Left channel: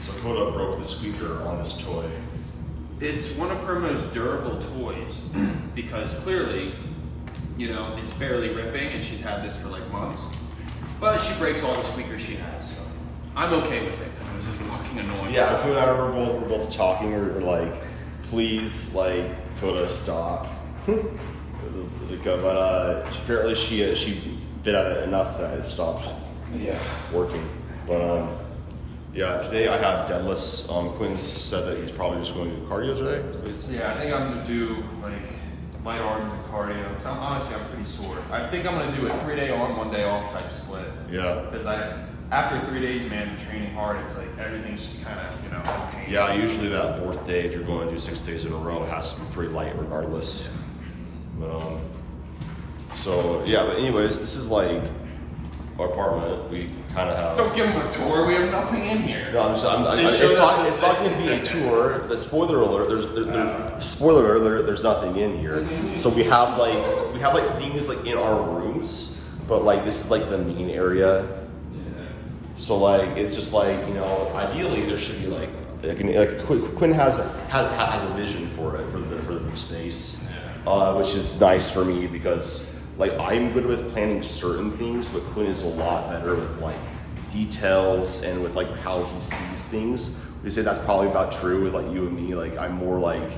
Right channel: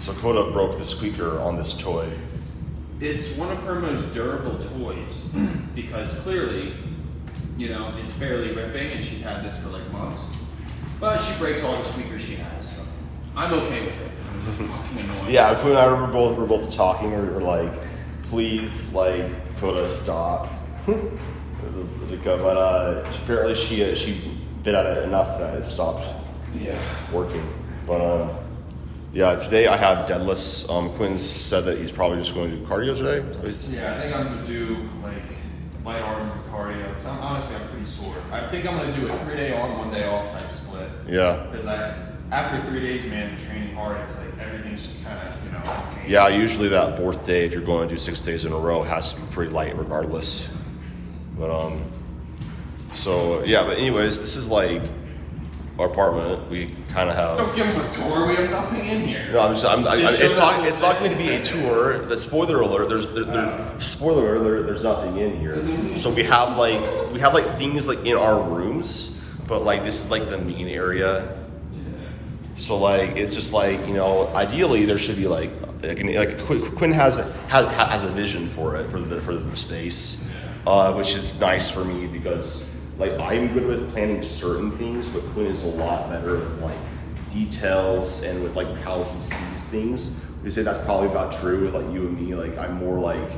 So Coda broke the squeaker on this toy. It's one of her most durable toys because clearly, you know, it's barely ripping and she's had this for like months. But she breaks all the squeakers she has, so I'm okay with it because it was fucking annoying. Yeah, Coda and I were both talking. We were like, please, like, Coda, stop. But apparently she bit at it enough that it stopped working. But yeah, today I have deadlifts. Quinn said that he's probably just going to do cardio today. Yeah, I think I'm gonna do like light arms and cardio. Cause I'm pretty sore. I think I'm gonna do a 3-day on, 1 day off type split. Yeah. Because after 3 days, man, training hard, it's like everything's just kind of, you know, pain. Yeah, usually that 4th day, if you're going to do 6 days in a row, it has to be pretty light regardless. But so yeah. But anyways, this is like our apartment. We kind of have. Don't give them a tour. We have nothing in here. No, it's not going to be a tour. The spoiler alert. Spoiler alert. There's nothing in here. So we have like things like in our rooms, but like this is like the main area. So like it's just like, you know, ideally there should be like Quinn has a vision for it for the space, which is nice for me because like I'm good with planning certain things, but Quinn is a lot better with like details and with like how he sees things. We say that's probably about true with like you and me. Like I'm more like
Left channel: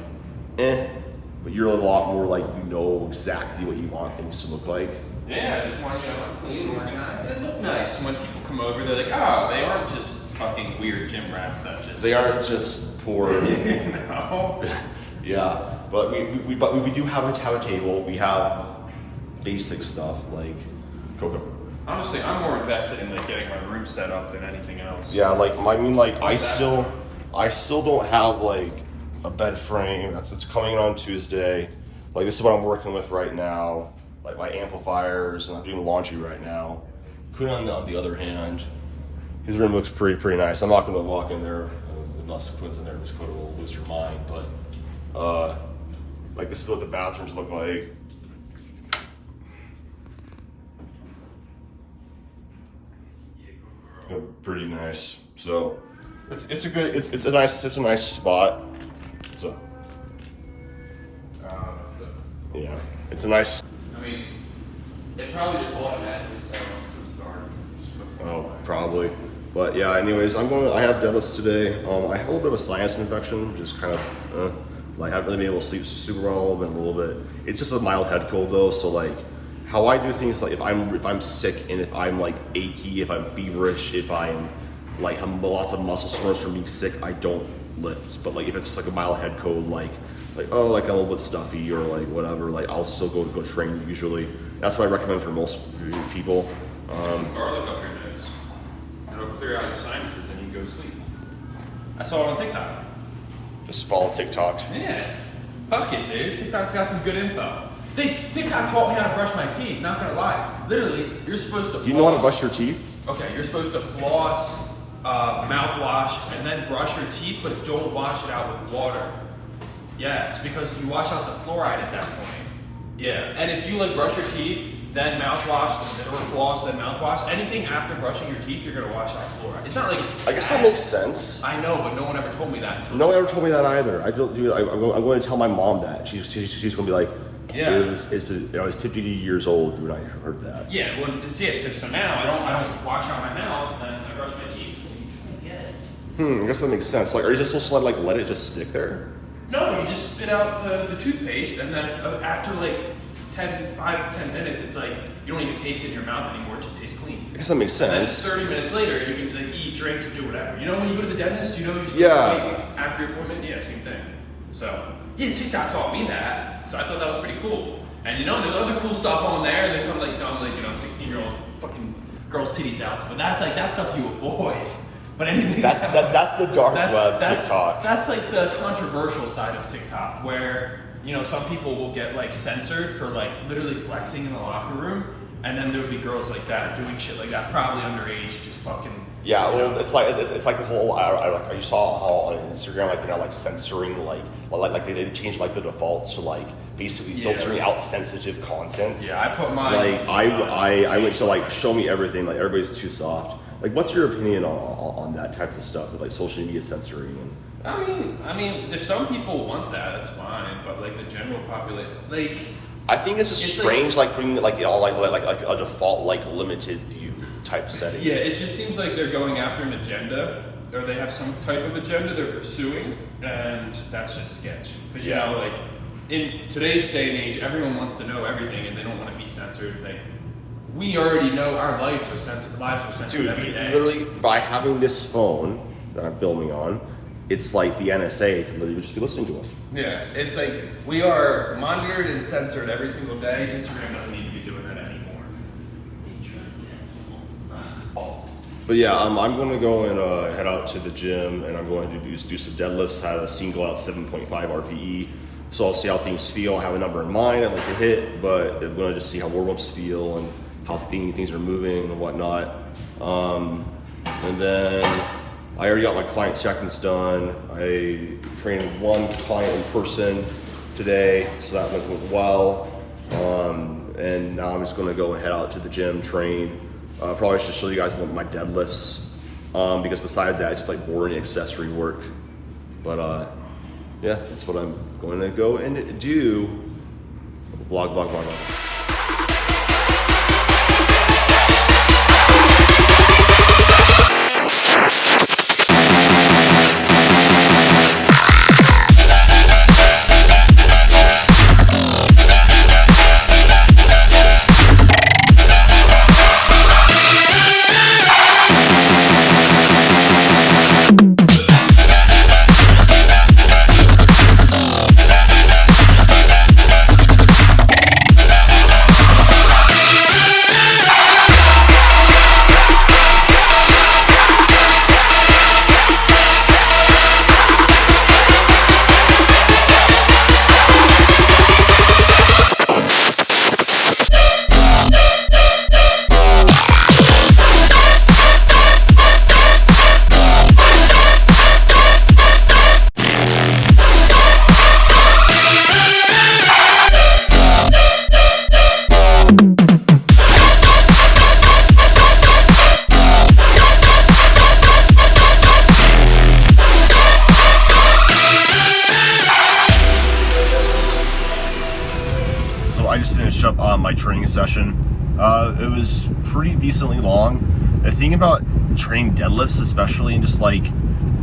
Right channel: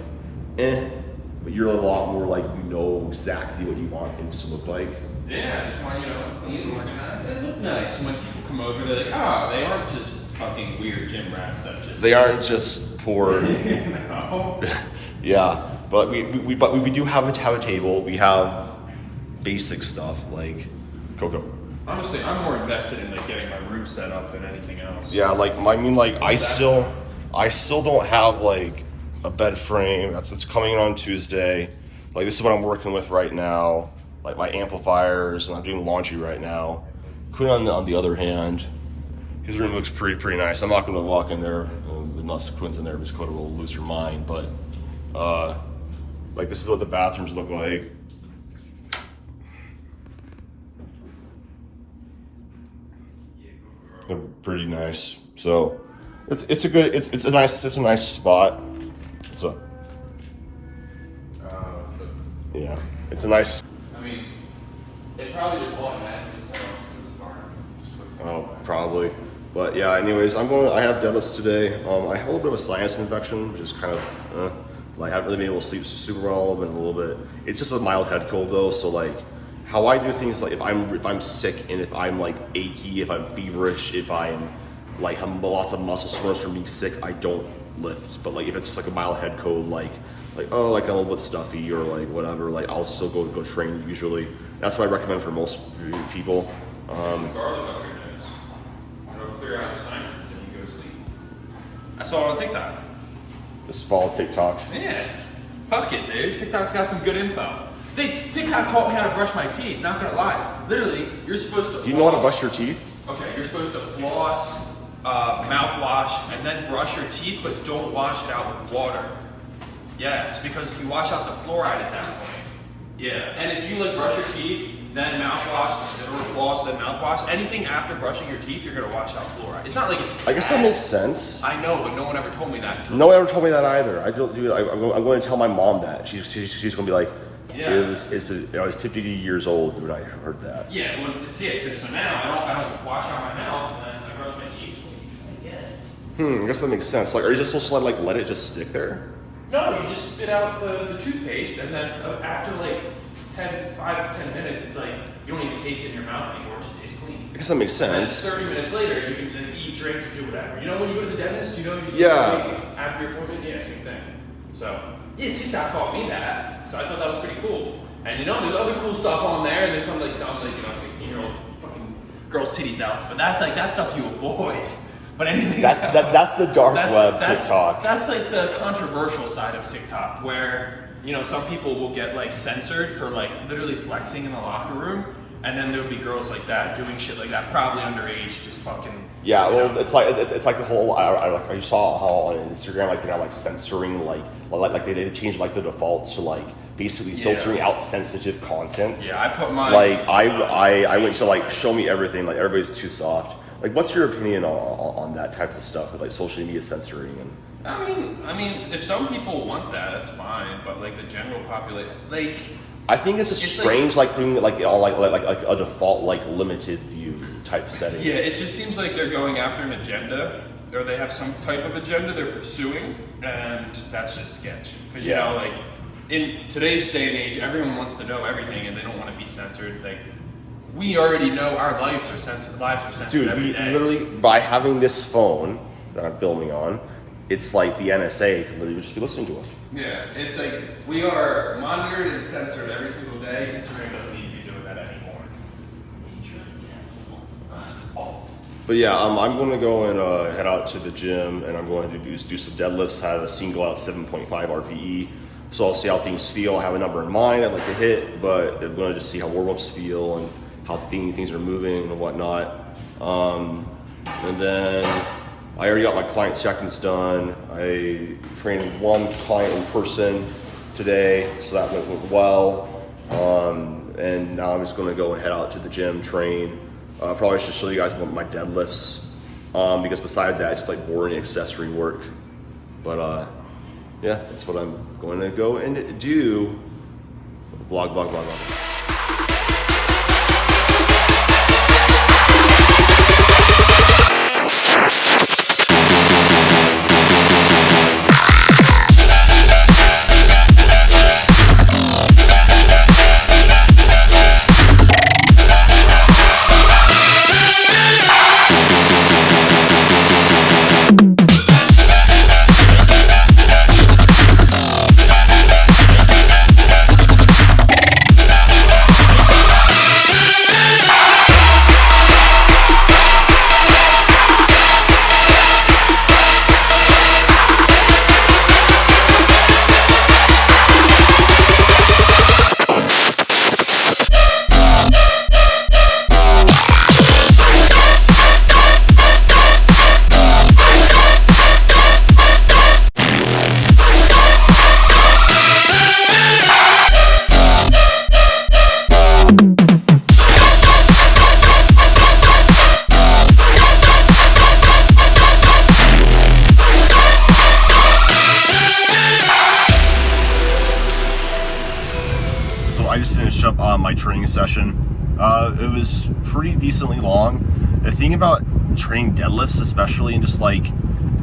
but you're a lot more like you know exactly what you want things to look like. Yeah, I just want, you know, clean, organized, and look nice. And when people come over, they're like, oh, they aren't just fucking weird gym rats that just... They aren't just poor... You know? Yeah, but we do have a table. We have basic stuff like Coco. Honestly, I'm more invested in like getting my room set up than anything else. Yeah, like I mean, like I still don't have like a bed frame. It's coming in on Tuesday. Like this is what I'm working with right now. Like my amplifiers, and I'm doing laundry right now. Quinn on the other hand, his room looks pretty nice. I'm not going to walk in there unless Quinn's in there because Coda will lose her mind. But like this is what the bathrooms look like. They're pretty nice. So it's a nice spot. It's a nice. I mean, it probably just automatically sounds dark. Oh, probably. But yeah, anyways, I have deadlifts today. I have a little bit of a sinus infection, which is kind of, like I haven't really been able to sleep super well, been a little bit. It's just a mild head cold though, so like, how I do things, like if I'm sick and if I'm like achy, if I'm feverish, if I'm like have lots of muscle soreness from being sick, I don't lift. But like if it's just like a mild head cold, like oh, like a little bit stuffy or like whatever, like I'll still go train usually. That's what I recommend for most people. Some garlic up your nose. It'll clear out your sinuses and you go sleep. I saw it on TikTok. Just follow TikTok. Yeah. Fuck it, dude. TikTok's got some good info. TikTok taught me how to brush my teeth, not gonna lie. Literally, you're supposed to floss. Do you know how to brush your teeth? Okay, you're supposed to floss, mouthwash, and then brush your teeth, but don't wash it out with water. Yes, because you wash out the fluoride at that point. Yeah, and if you like brush your teeth, then mouthwash, or floss, then mouthwash, anything after brushing your teeth, you're gonna wash out fluoride. It's not like it's I guess that makes sense. I know, but no one ever told me that until no one ever told me that either. I'm going to tell my mom that. She's going to be like, yeah. I was 50 years old when I heard that. Yeah, well, so now I don't wash out my mouth and I brush my teeth. I guess that makes sense. Like, are you just supposed to let it just stick there? No, you just spit out the toothpaste, and then after like 5 to 10 minutes, it's like you don't even taste it in your mouth anymore. It just tastes clean. I guess that makes sense. And then 30 minutes later, you can like, eat, drink, do whatever. You know when you go to the dentist, you know you after your appointment. Yeah, same thing. So yeah, TikTok taught me that, so I thought that was pretty cool. And you know, there's other cool stuff on there. There's some like dumb, like 16-year-old fucking girls' titties out, but that's like that stuff you avoid. But anything that's the dark web TikTok. That's like the controversial side of TikTok, where some people will get like censored for like literally flexing in the locker room, and then there'll be girls like that doing shit like that, probably underage, just fucking. Yeah, well, it's like the whole. I saw on Instagram like censoring like they didn't change like the default to like basically filtering out sensitive content. Yeah, I put my I went to like show me everything. Like everybody's too soft. Like, what's your opinion on that type of stuff with like social media censoring? And I mean, if some people want that, that's fine. But like the general population, like, I think it's just strange, like putting like like a default like limited view type setting. Yeah, it just seems like they're going after an agenda, or they have some type of agenda they're pursuing, and that's just sketch. Because you know, like in today's day and age, everyone wants to know everything, and they don't want to be censored. Like, we already know our lives are censored. Dude, every day. Literally, by having this phone that I'm filming on, it's like the NSA could literally just be listening to us. Yeah, it's like we are monitored and censored every single day. Instagram doesn't need to be doing that anymore. But yeah, I'm going to go and head out to the gym, and I'm going to do some deadlifts. I have a single out 7.5 RPE, so I'll see how things feel. I have a number in mind I'd like to hit, but I'm going to just see how warm-ups feel and how things are moving and whatnot. And then I already got my client check-ins done. I trained one client in person today, so that went well. And now I'm just gonna go and head out to the gym, train. Probably should show you guys my deadlifts, because besides that, it's just like boring accessory work. But yeah, that's what I'm going to go and do. Vlog. I just finished up my training session. It was pretty decently long. The thing about training deadlifts, especially, and just like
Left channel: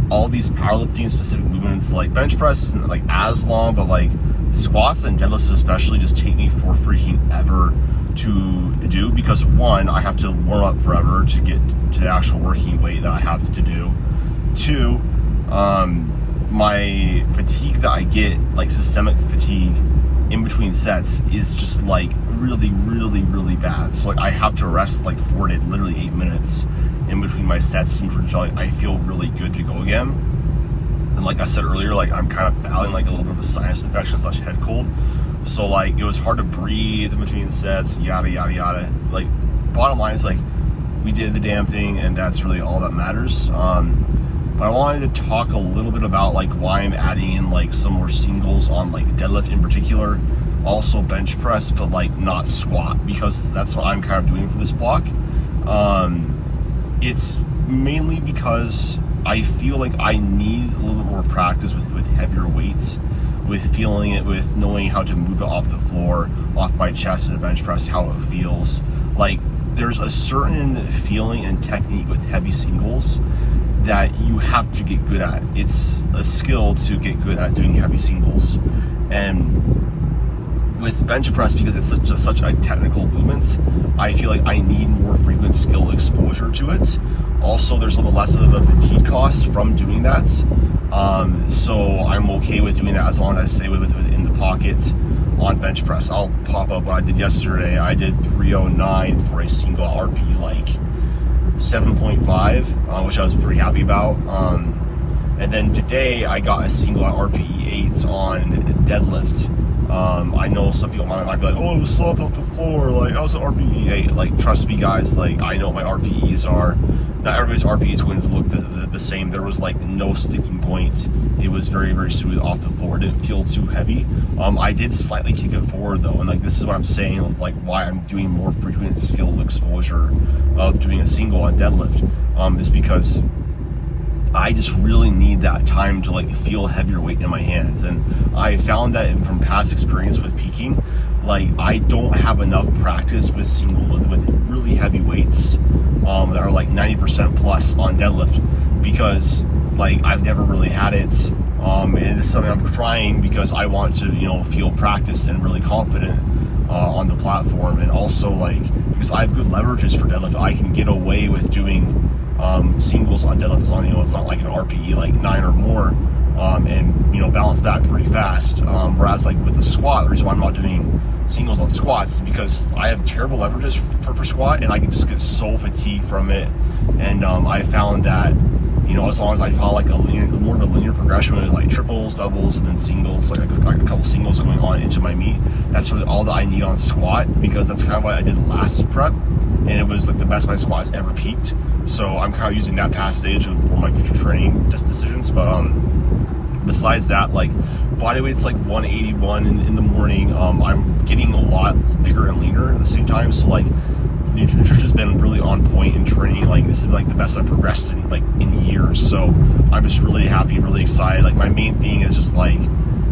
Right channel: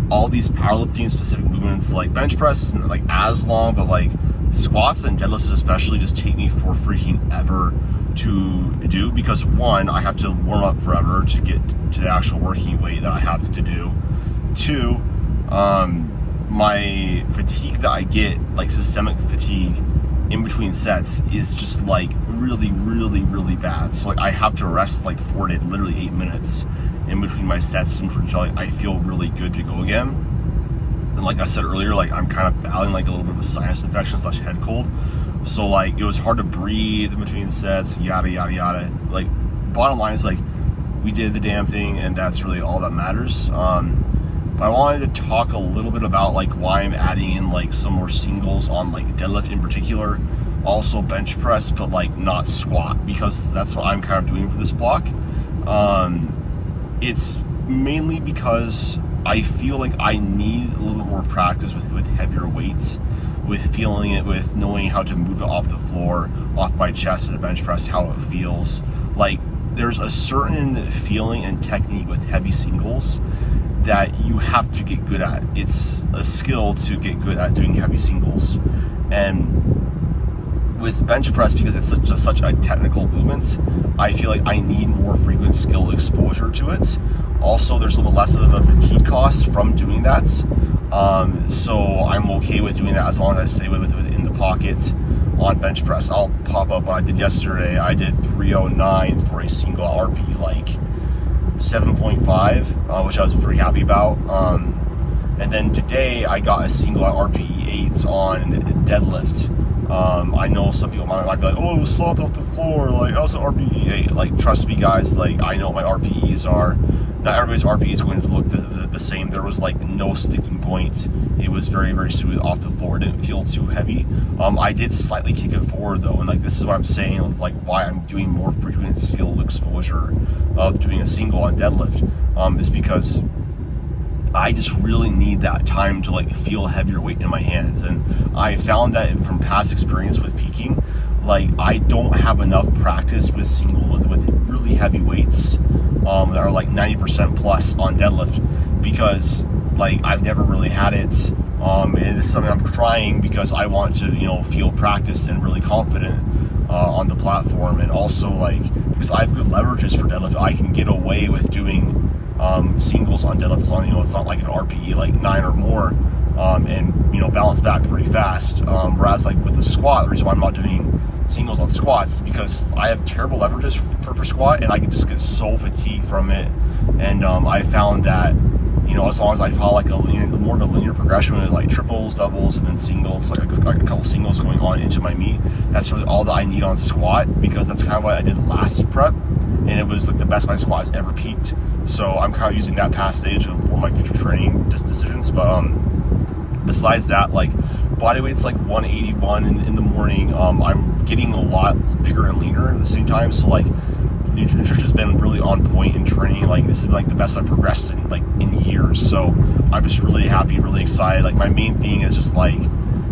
all these powerlifting specific movements, like bench press isn't like as long, but like squats and deadlifts especially just take me for freaking ever to do, because one, I have to warm up forever to get to the actual working weight that I have to do. Two, my fatigue that I get, like systemic fatigue in between sets, is just like really bad. So like I have to rest like literally 8 minutes in between my sets until like, I feel really good to go again. And like I said earlier, like I'm kind of battling like a little bit of a sinus infection / head cold. So like it was hard to breathe in between sets, yada. Like bottom line is like we did the damn thing, and that's really all that matters. But I wanted to talk a little bit about like why I'm adding in like some more singles on like deadlift in particular, also bench press, but like not squat, because that's what I'm kind of doing for this block. It's mainly because I feel like I need a little bit more practice with heavier weights, with feeling it, with knowing how to move it off the floor, off my chest in a bench press, how it feels. Like there's a certain feeling and technique with heavy singles that you have to get good at. It's a skill to get good at doing heavy singles. And with bench press, because it's such a technical movement, I feel like I need more frequent skill exposure to it. Also, there's a little less of a fatigue cost from doing that. So I'm okay with doing that as long as I stay within the pocket on bench press. I'll pop up what I did yesterday. I did 309 for a single RP, like 7.5, which I was pretty happy about. And then today I got a single RPE 8 on deadlift. I know some people might be like, oh, it was slopped off the floor, like how's the RPE 8? Like, trust me guys, like I know what my RPEs are. Not everybody's RPE is going to look the same. There was like no sticking point It was very, very smooth off the floor. It didn't feel too heavy. I did slightly kick it forward though, and like this is what I'm saying of like why I'm doing more frequent field exposure of doing a single on deadlift, is because I just really need that time to like feel heavier weight in my hands. And I found that from past experience with peaking, like I don't have enough practice with singles with really heavy weights that are like 90% plus on deadlift, because like I've never really had it. And it's something I'm trying because I want to, you know, feel practiced and really confident on the platform. And also like, because I have good leverages for deadlift, I can get away with doing singles on deadlift as long as, you know, it's not like an RPE like 9 or more, and, you know, bounce back pretty fast. Whereas like with the squat, the reason why I'm not doing singles on squats is because I have terrible leverages for squat, and I can just get so fatigued from it. And I found that, you know, as long as I follow like more of a linear progression with like triples, doubles, and then singles, like a couple singles going on into my meet, that's really all that I need on squat, because that's kind of what I did last prep, and it was like the best my squat has ever peaked. So I'm kind of using that past stage for my future training decisions. But besides that, like body weight's like 181 in the morning. I'm getting a lot bigger and leaner at the same time. So like the nutrition has been really on point in training. Like this is like the best I've progressed in years. So I'm just really happy, really excited. Like my main thing is just like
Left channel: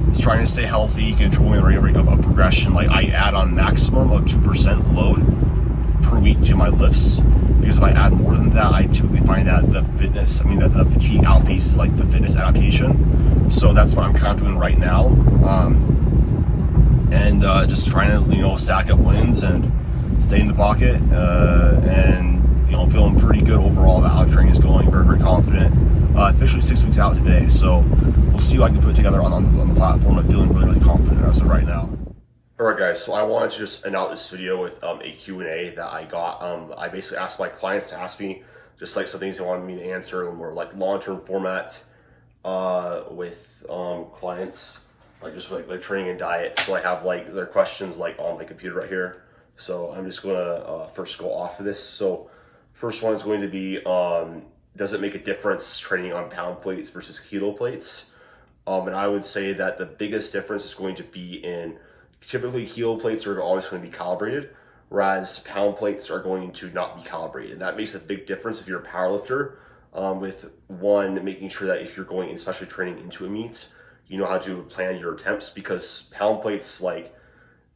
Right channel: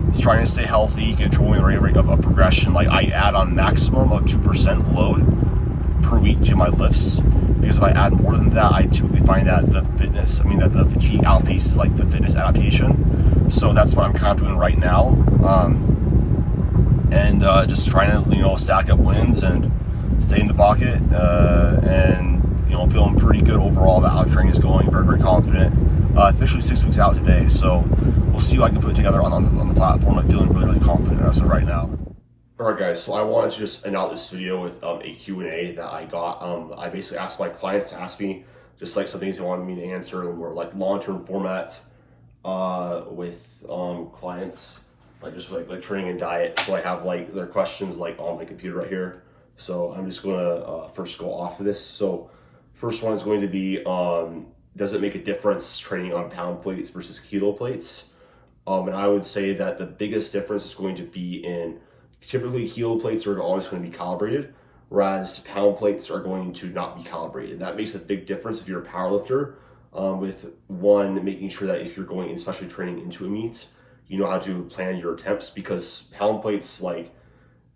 it's trying to stay healthy, controlling the rate of progression. Like I add on maximum of 2% load per week to my lifts, because if I add more than that, I typically find that the fatigue outpaces like the fitness adaptation. So that's what I'm kind of doing right now, and just trying to, you know, stack up wins and stay in the pocket, and, you know, feeling pretty good overall about how training is going. Very, very confident. Officially 6 weeks out today, so we'll see what I can put together on the platform. I'm feeling really, really confident as of right now. Alright guys, so I wanted to just end out this video with a Q&A that I got. I basically asked my clients to ask me just like some things they wanted me to answer in more like long-term format with clients, like just like training and diet. So I have like their questions like on my computer right here. So I'm just gonna first go off of this. So first one is going to be, does it make a difference training on pound plates versus kilo plates? And I would say that the biggest difference is going to be in, typically kilo plates are always going to be calibrated, whereas pound plates are going to not be calibrated. That makes a big difference if you're a powerlifter, with one, making sure that if you're going, especially training into a meet, you know how to plan your attempts, because pound plates, like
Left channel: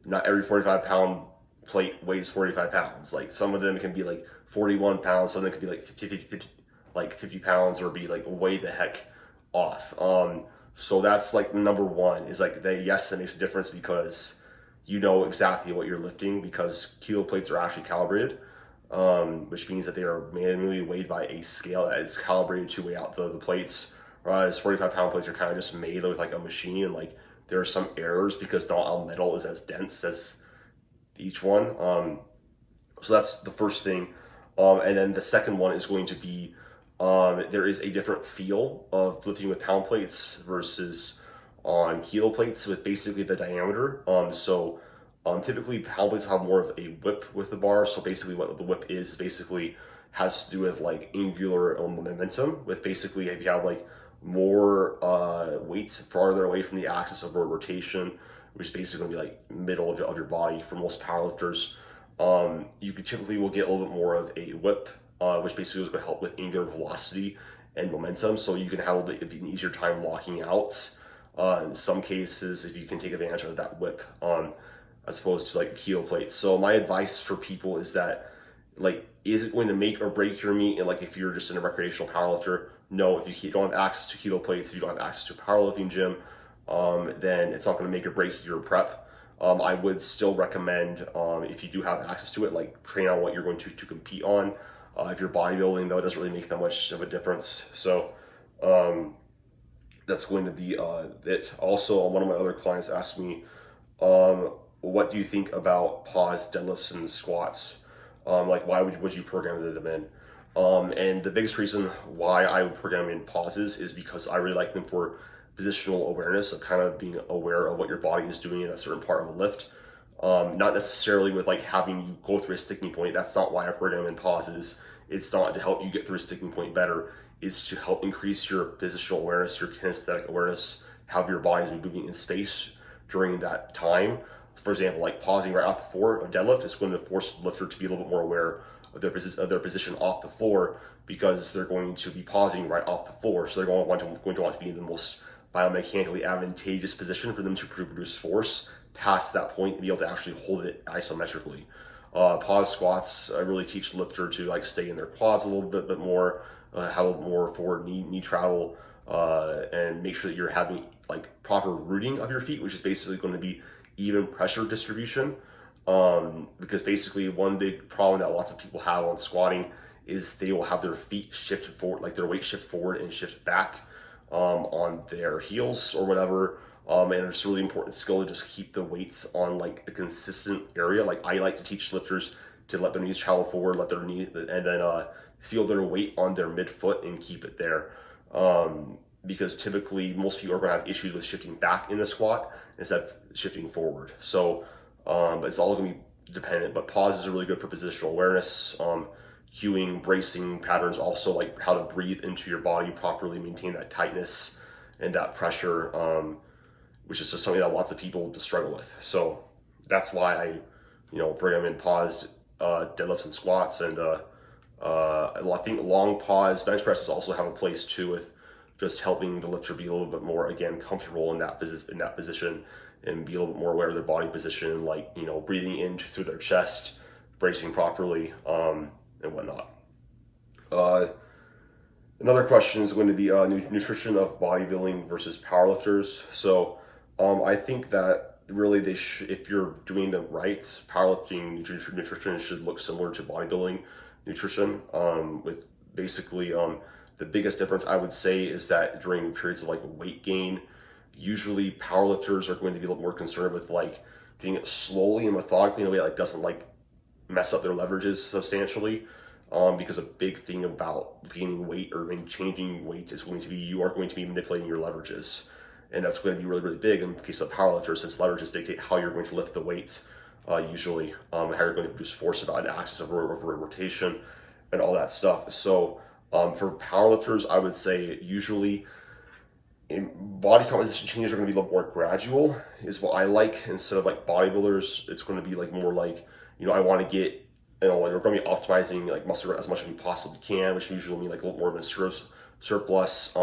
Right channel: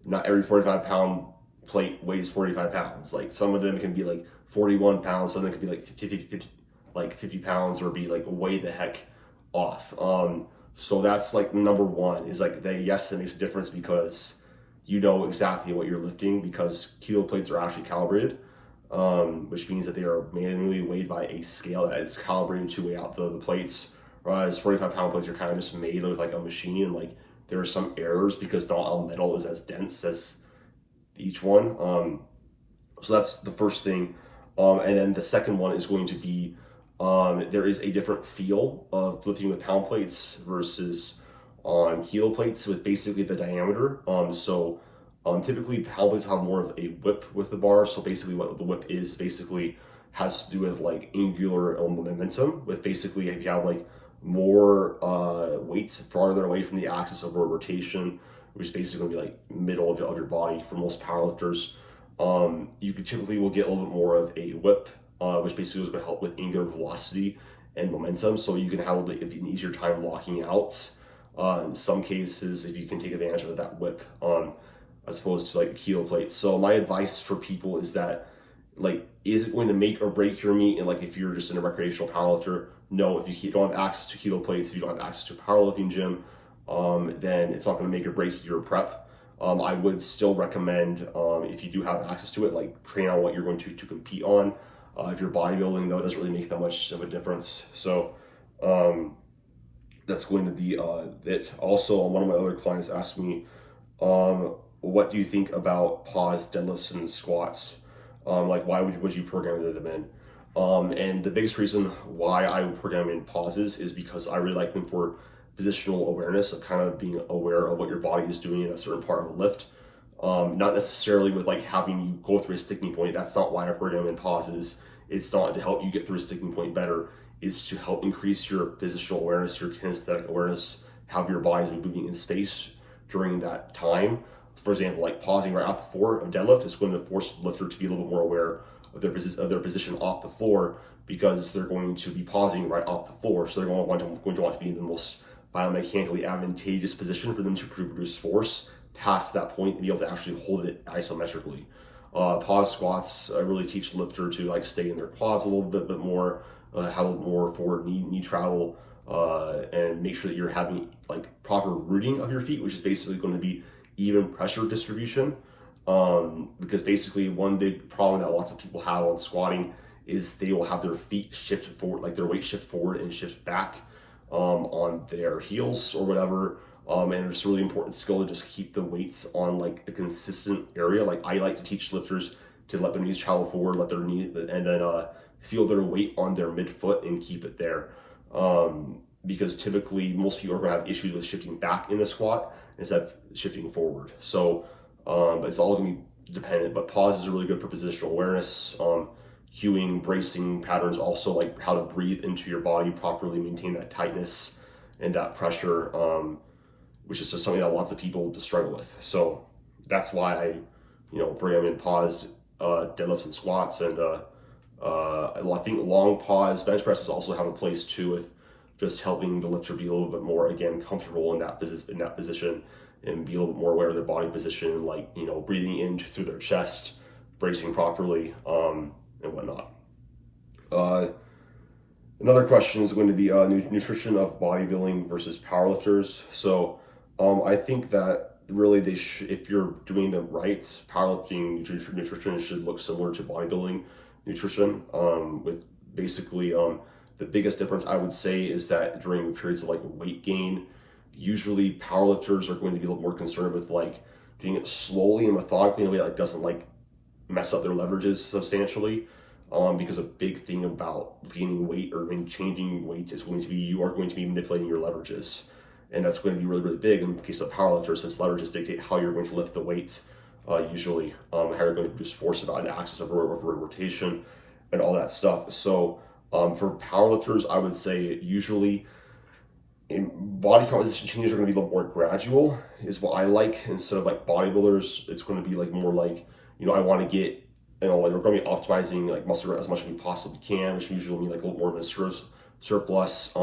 not every 45 pound plate weighs 45 pounds. Like some of them can be like 41 pounds, some of them can be like 50 pounds, or be like way the heck off. So that's like number one, is like that, yes, that makes a difference because you know exactly what you're lifting, because kilo plates are actually calibrated, which means that they are manually weighed by a scale that is calibrated to weigh out the plates, whereas 45 pound plates are kind of just made with like a machine, and like there are some errors because not all metal is as dense as each one. So that's the first thing. And then the second one is going to be, there is a different feel of lifting with pound plates versus on kilo plates with basically the diameter. Typically pound plates have more of a whip with the bar. So basically what the whip is basically has to do with like angular momentum, with basically if you have like more weights farther away from the axis of rotation, which is basically gonna be like middle of your body for most powerlifters, you could typically will get a little bit more of a whip, which basically is going to help with angular velocity and momentum, so you can have a little bit of an easier time locking out. In some cases, if you can take advantage of that whip, as opposed to like a kilo plate. So my advice for people is that, like, is it going to make or break your meet? And like, if you're just in a recreational powerlifter, no. If you don't have access to kilo plates, if you don't have access to a powerlifting gym, then it's not going to make or break your prep. I would still recommend, if you do have access to it, like train on what you're going to compete on. If you're bodybuilding, though, it doesn't really make that much of a difference. So that's going to be it. Also, one of my other clients asked me, what do you think about Paws, deadlifts, and squats? Like, why would you program them in? And the biggest reason why I would program in pauses is because I really like them for positional awareness, of kind of being aware of what your body is doing in a certain part of a lift. Not necessarily with like having you go through a sticking point. That's not why I program in pauses. It's not to help you get through a sticking point better. is to help increase your positional awareness, your kinesthetic awareness, how your body's moving in space during that time. For example, like pausing right off the floor of deadlift is going to force the lifter to be a little bit more aware of their position off the floor, because they're going to be pausing right off the floor. So they're going to want to be in the most biomechanically advantageous position for them to produce force past that point and be able to actually hold it isometrically. Pause squats really teach the lifter to like stay in their quads a little bit more, have a little more forward knee travel, and make sure that you're having like proper rooting of your feet, which is basically going to be even pressure distribution. Because basically one big problem that lots of people have on squatting is they will have their feet shift forward, like their weight shift forward and shift back on their heels or whatever. And it's a really important skill to just keep the weights on like a consistent area. Like I like to teach lifters to let their knees travel forward, let their knee, and then feel their weight on their midfoot and keep it there. Because typically most people are going to have issues with shifting back in the squat instead of shifting forward. So it's all going to be dependent, but pauses are really good for positional awareness, cueing, bracing patterns, also like how to breathe into your body properly, maintain that tightness and that pressure, which is just something that lots of people just struggle with. So that's why I, bring them in pause, deadlifts and squats, and I think long pause bench presses also have a place too, with just helping the lifter be a little bit more, again, comfortable in that position and be a little bit more aware of their body position, like, breathing in through their chest, bracing properly, and whatnot. Another question is going to be nutrition of bodybuilding versus powerlifters. So I think that really if you're doing them right, powerlifting nutrition should look similar to bodybuilding nutrition, with basically the biggest difference I would say is that during periods of like weight gain, usually powerlifters are going to be a little more concerned with like doing it slowly and methodically in a way that like doesn't like mess up their leverages substantially, because a big thing about gaining weight or changing weight is going to be you are going to be manipulating your leverages, and that's going to be really, really big in the case of powerlifters, since leverages dictate how you're going to lift the weight, usually, how you're going to produce force about an axis of rotation and all that stuff. So for powerlifters, I would say usually body composition changes are going to be a little more gradual, is what I like. Instead of like bodybuilders, it's going to be like more like, I want to get, like we're going to be optimizing like muscle as much as we possibly can, which usually mean like a little more of a surplus.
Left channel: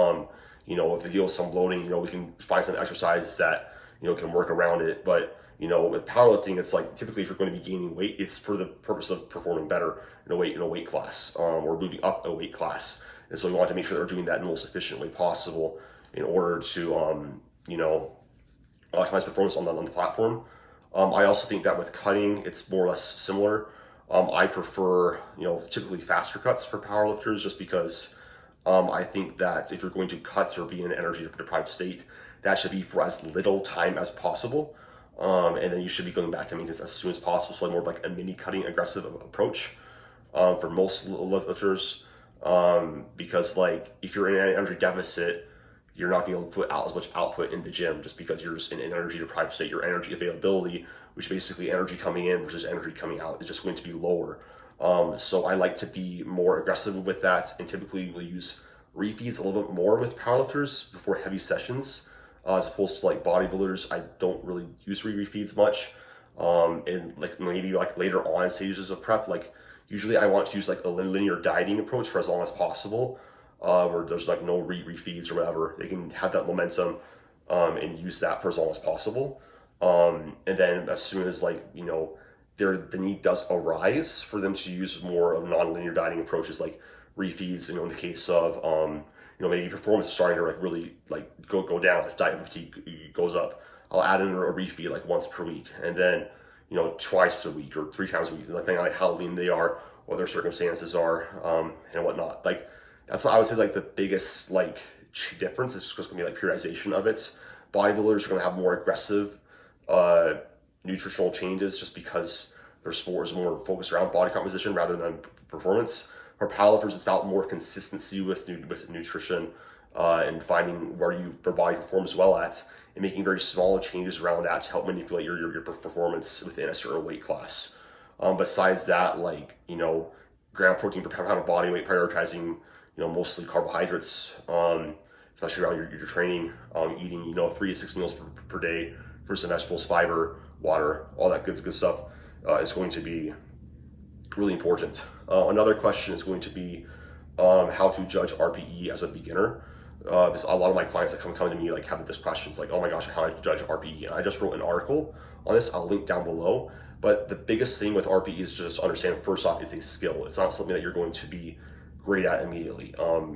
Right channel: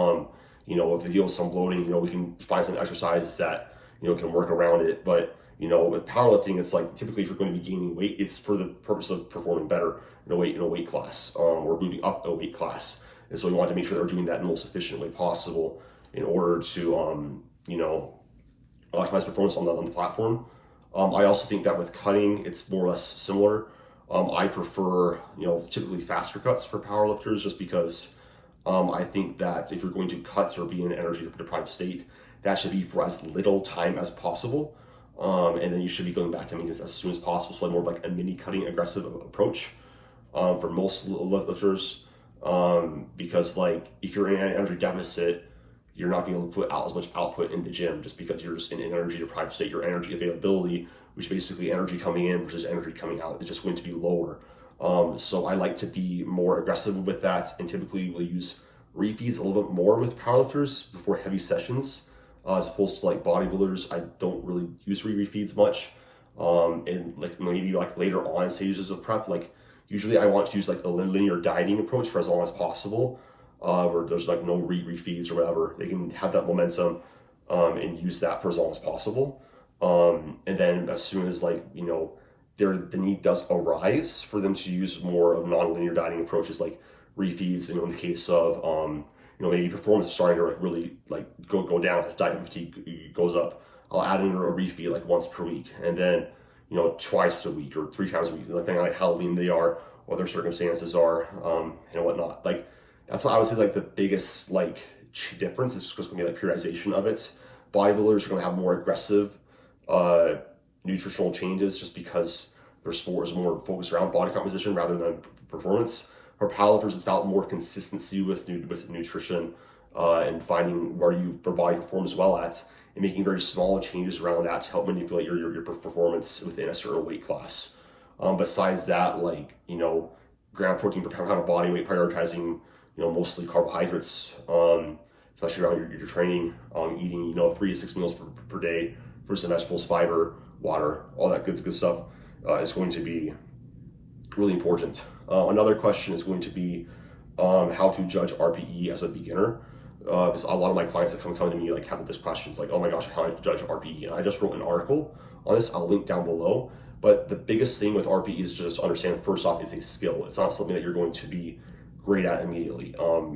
If they deal with some bloating, we can find some exercises that, can work around it. But, with powerlifting, it's like typically if you're going to be gaining weight, it's for the purpose of performing better in a weight class, or moving up a weight class. And so we want to make sure that we're doing that in the most efficient way possible in order to, optimize performance on the platform. I also think that with cutting, it's more or less similar. I prefer, typically faster cuts for powerlifters, just because I think that if you're going to cut or be in an energy deprived state, that should be for as little time as possible. And then you should be going back to maintenance as soon as possible. So more like a mini cutting aggressive approach for most lifters, because like if you're in an energy deficit, you're not going to be able to put out as much output in the gym, just because you're just in an energy deprived state. Your energy availability, which basically energy coming in versus energy coming out, is just going to be lower. So I like to be more aggressive with that, and typically we'll use refeeds a little bit more with powerlifters before heavy sessions, as opposed to like bodybuilders. I don't really use refeeds much, and like maybe like later on in stages of prep. Like usually I want to use like a linear dieting approach for as long as possible, where there's like no refeeds or whatever. They can have that momentum and use that for as long as possible, and then as soon as like the need does arise for them to use more of non-linear dieting approaches like refeeds, in the case of maybe performance is starting to like really like go down as diet fatigue goes up, I'll add in a refeed like once per week, and then twice a week or 3 times a week, depending on like how lean they are, what their circumstances are, and whatnot. Like that's what I would say like the biggest like difference is just gonna be like periodization of it. Bodybuilders are gonna have more aggressive nutritional changes, just because their sport is more focused around body composition rather than performance. For powerlifters, it's about more consistency with nutrition, and finding where your body performs well at, and making very small changes around that to help manipulate your performance within a certain weight class. Besides that, like gram protein per pound of body weight, prioritizing mostly carbohydrates, especially around your training, eating, 3 to 6 meals per day, fruits and vegetables, fiber, water, all that good stuff is going to be really important. Another question is going to be how to judge RPE as a beginner. Because a lot of my clients that come to me like have this questions like, oh my gosh, how do I judge RPE? And I just wrote an article on this. I'll link down below. But the biggest thing with RPE is just understand, first off, it's a skill. It's not something that you're going to be great at immediately.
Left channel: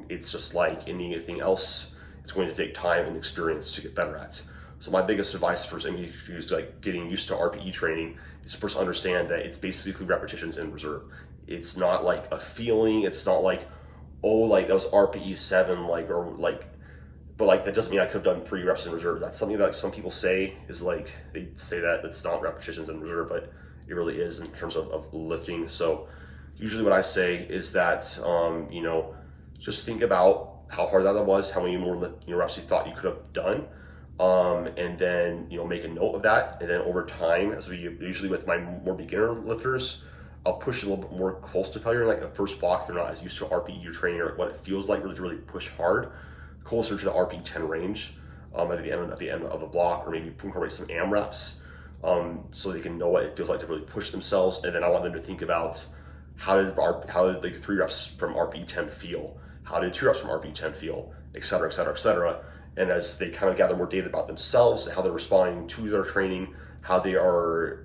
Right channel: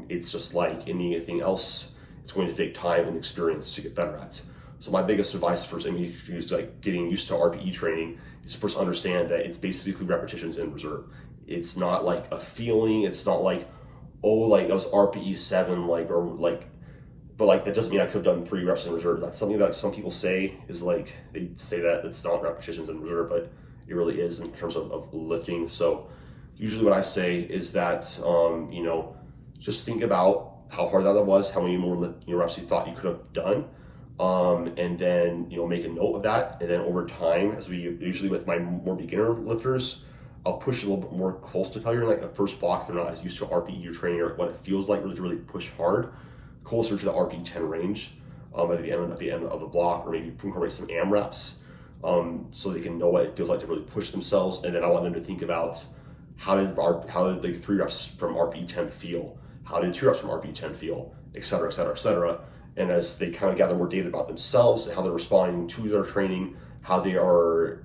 It's just like anything else. It's going to take time and experience to get better at. So my biggest advice for somebody who's like getting used to RPE training is to first understand that it's basically repetitions in reserve. It's not like a feeling. It's not like, oh, like that was RPE 7, but like that doesn't mean I could have done 3 reps in reserve. That's something that some people say is like, they say that it's not repetitions in reserve, but it really is in terms of lifting. So usually what I say is that, just think about how hard that was, how many more reps you thought you could have done. And then, make a note of that. And then over time, as we usually with my more beginner lifters, I'll push a little bit more close to failure in like the first block. They're not as used to RPE training or what it feels like really push hard, closer to the RPE 10 range at the end of the block, or maybe incorporate some AMRAPs so they can know what it feels like to really push themselves. And then I want them to think about how did the 3 reps from RPE 10 feel? How did 2 reps from RPE 10 feel? Et cetera, et cetera, et cetera. And as they kind of gather more data about themselves and how they're responding to their training, how they are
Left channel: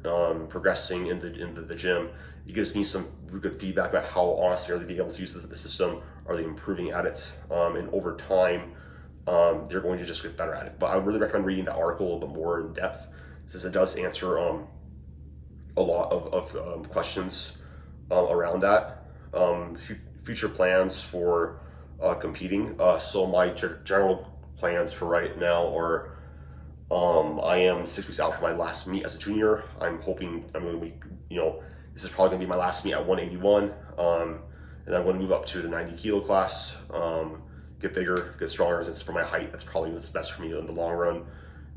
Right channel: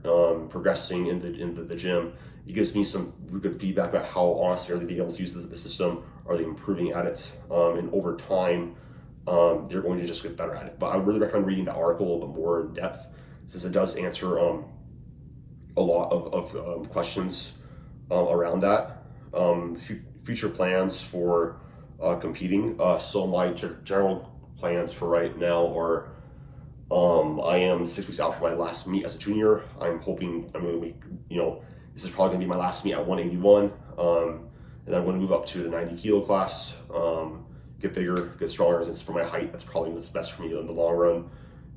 progressing in the gym, it gives me some good feedback about how honestly are they being able to use the system, are they improving at it, and over time, they're going to just get better at it. But I really recommend reading the article a little bit more in depth, since it does answer a lot of questions around that. Future plans for competing. So my general plans for right now are, I am 6 weeks out from my last meet as a junior. I'm hoping I'm going to be, this is probably going to be my last meet at 181. And then I'm going to move up to the 90 kilo class, get bigger, get stronger. Since for my height, that's probably what's best for me in the long run.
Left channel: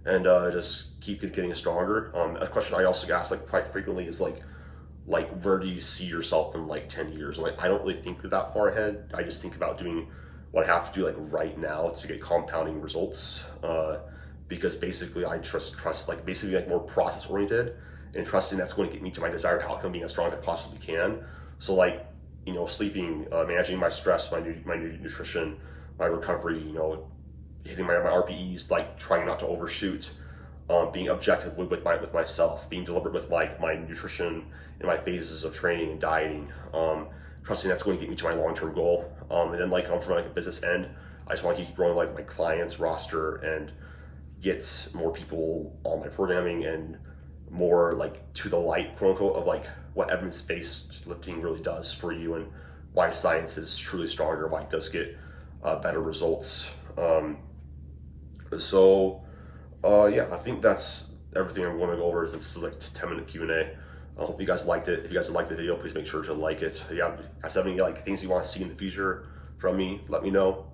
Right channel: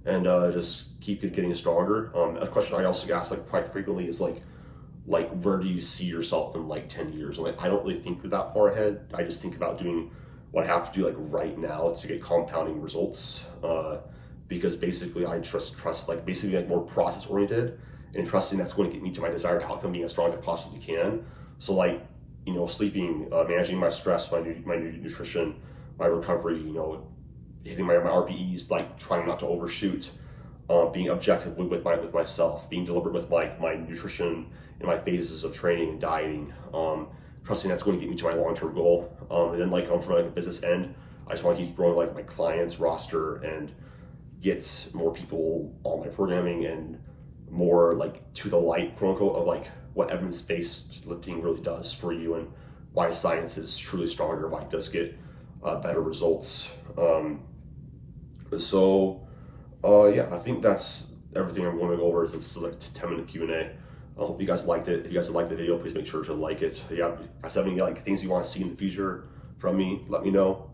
And just keep getting stronger. A question I also get asked like quite frequently is like where do you see yourself in like 10 years? And like I don't really think that far ahead. I just think about doing what I have to do like right now to get compounding results. Because basically I trust like basically like more process oriented and trusting that's going to get me to my desired outcome, being as strong as I possibly can. So like, sleeping, managing my stress, my nutrition, my recovery, hitting my RPEs, like trying not to overshoot, being objective with myself, being deliberate with my nutrition and my phases of training and dieting, trusting that's going to get me to my long-term goal. And then like from like a business end, I just want to keep growing like my clients roster and get more people on my programming and more like to the light, quote unquote, of like what evidence-based lifting really does for you and why science is truly stronger, why it does get better results. Yeah, I think that's everything I'm going to go over. This is like a 10-minute Q&A. I hope you guys liked it. If you guys liked the video, please make sure to like it. If you guys have any like things you want to see in the future from me, let me know.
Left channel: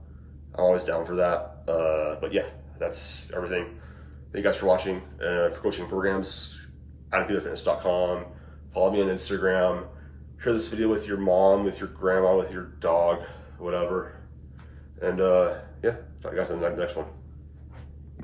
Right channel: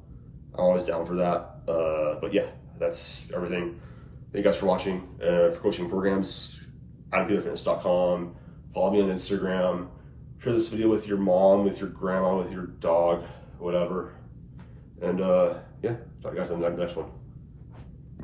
I'm always down for that. But yeah, that's everything. Thank you guys for watching. For coaching programs, untitled.fitness.com. Follow me on Instagram. Share this video with your mom, with your grandma, with your dog, whatever. And yeah, talk to you guys in the next one.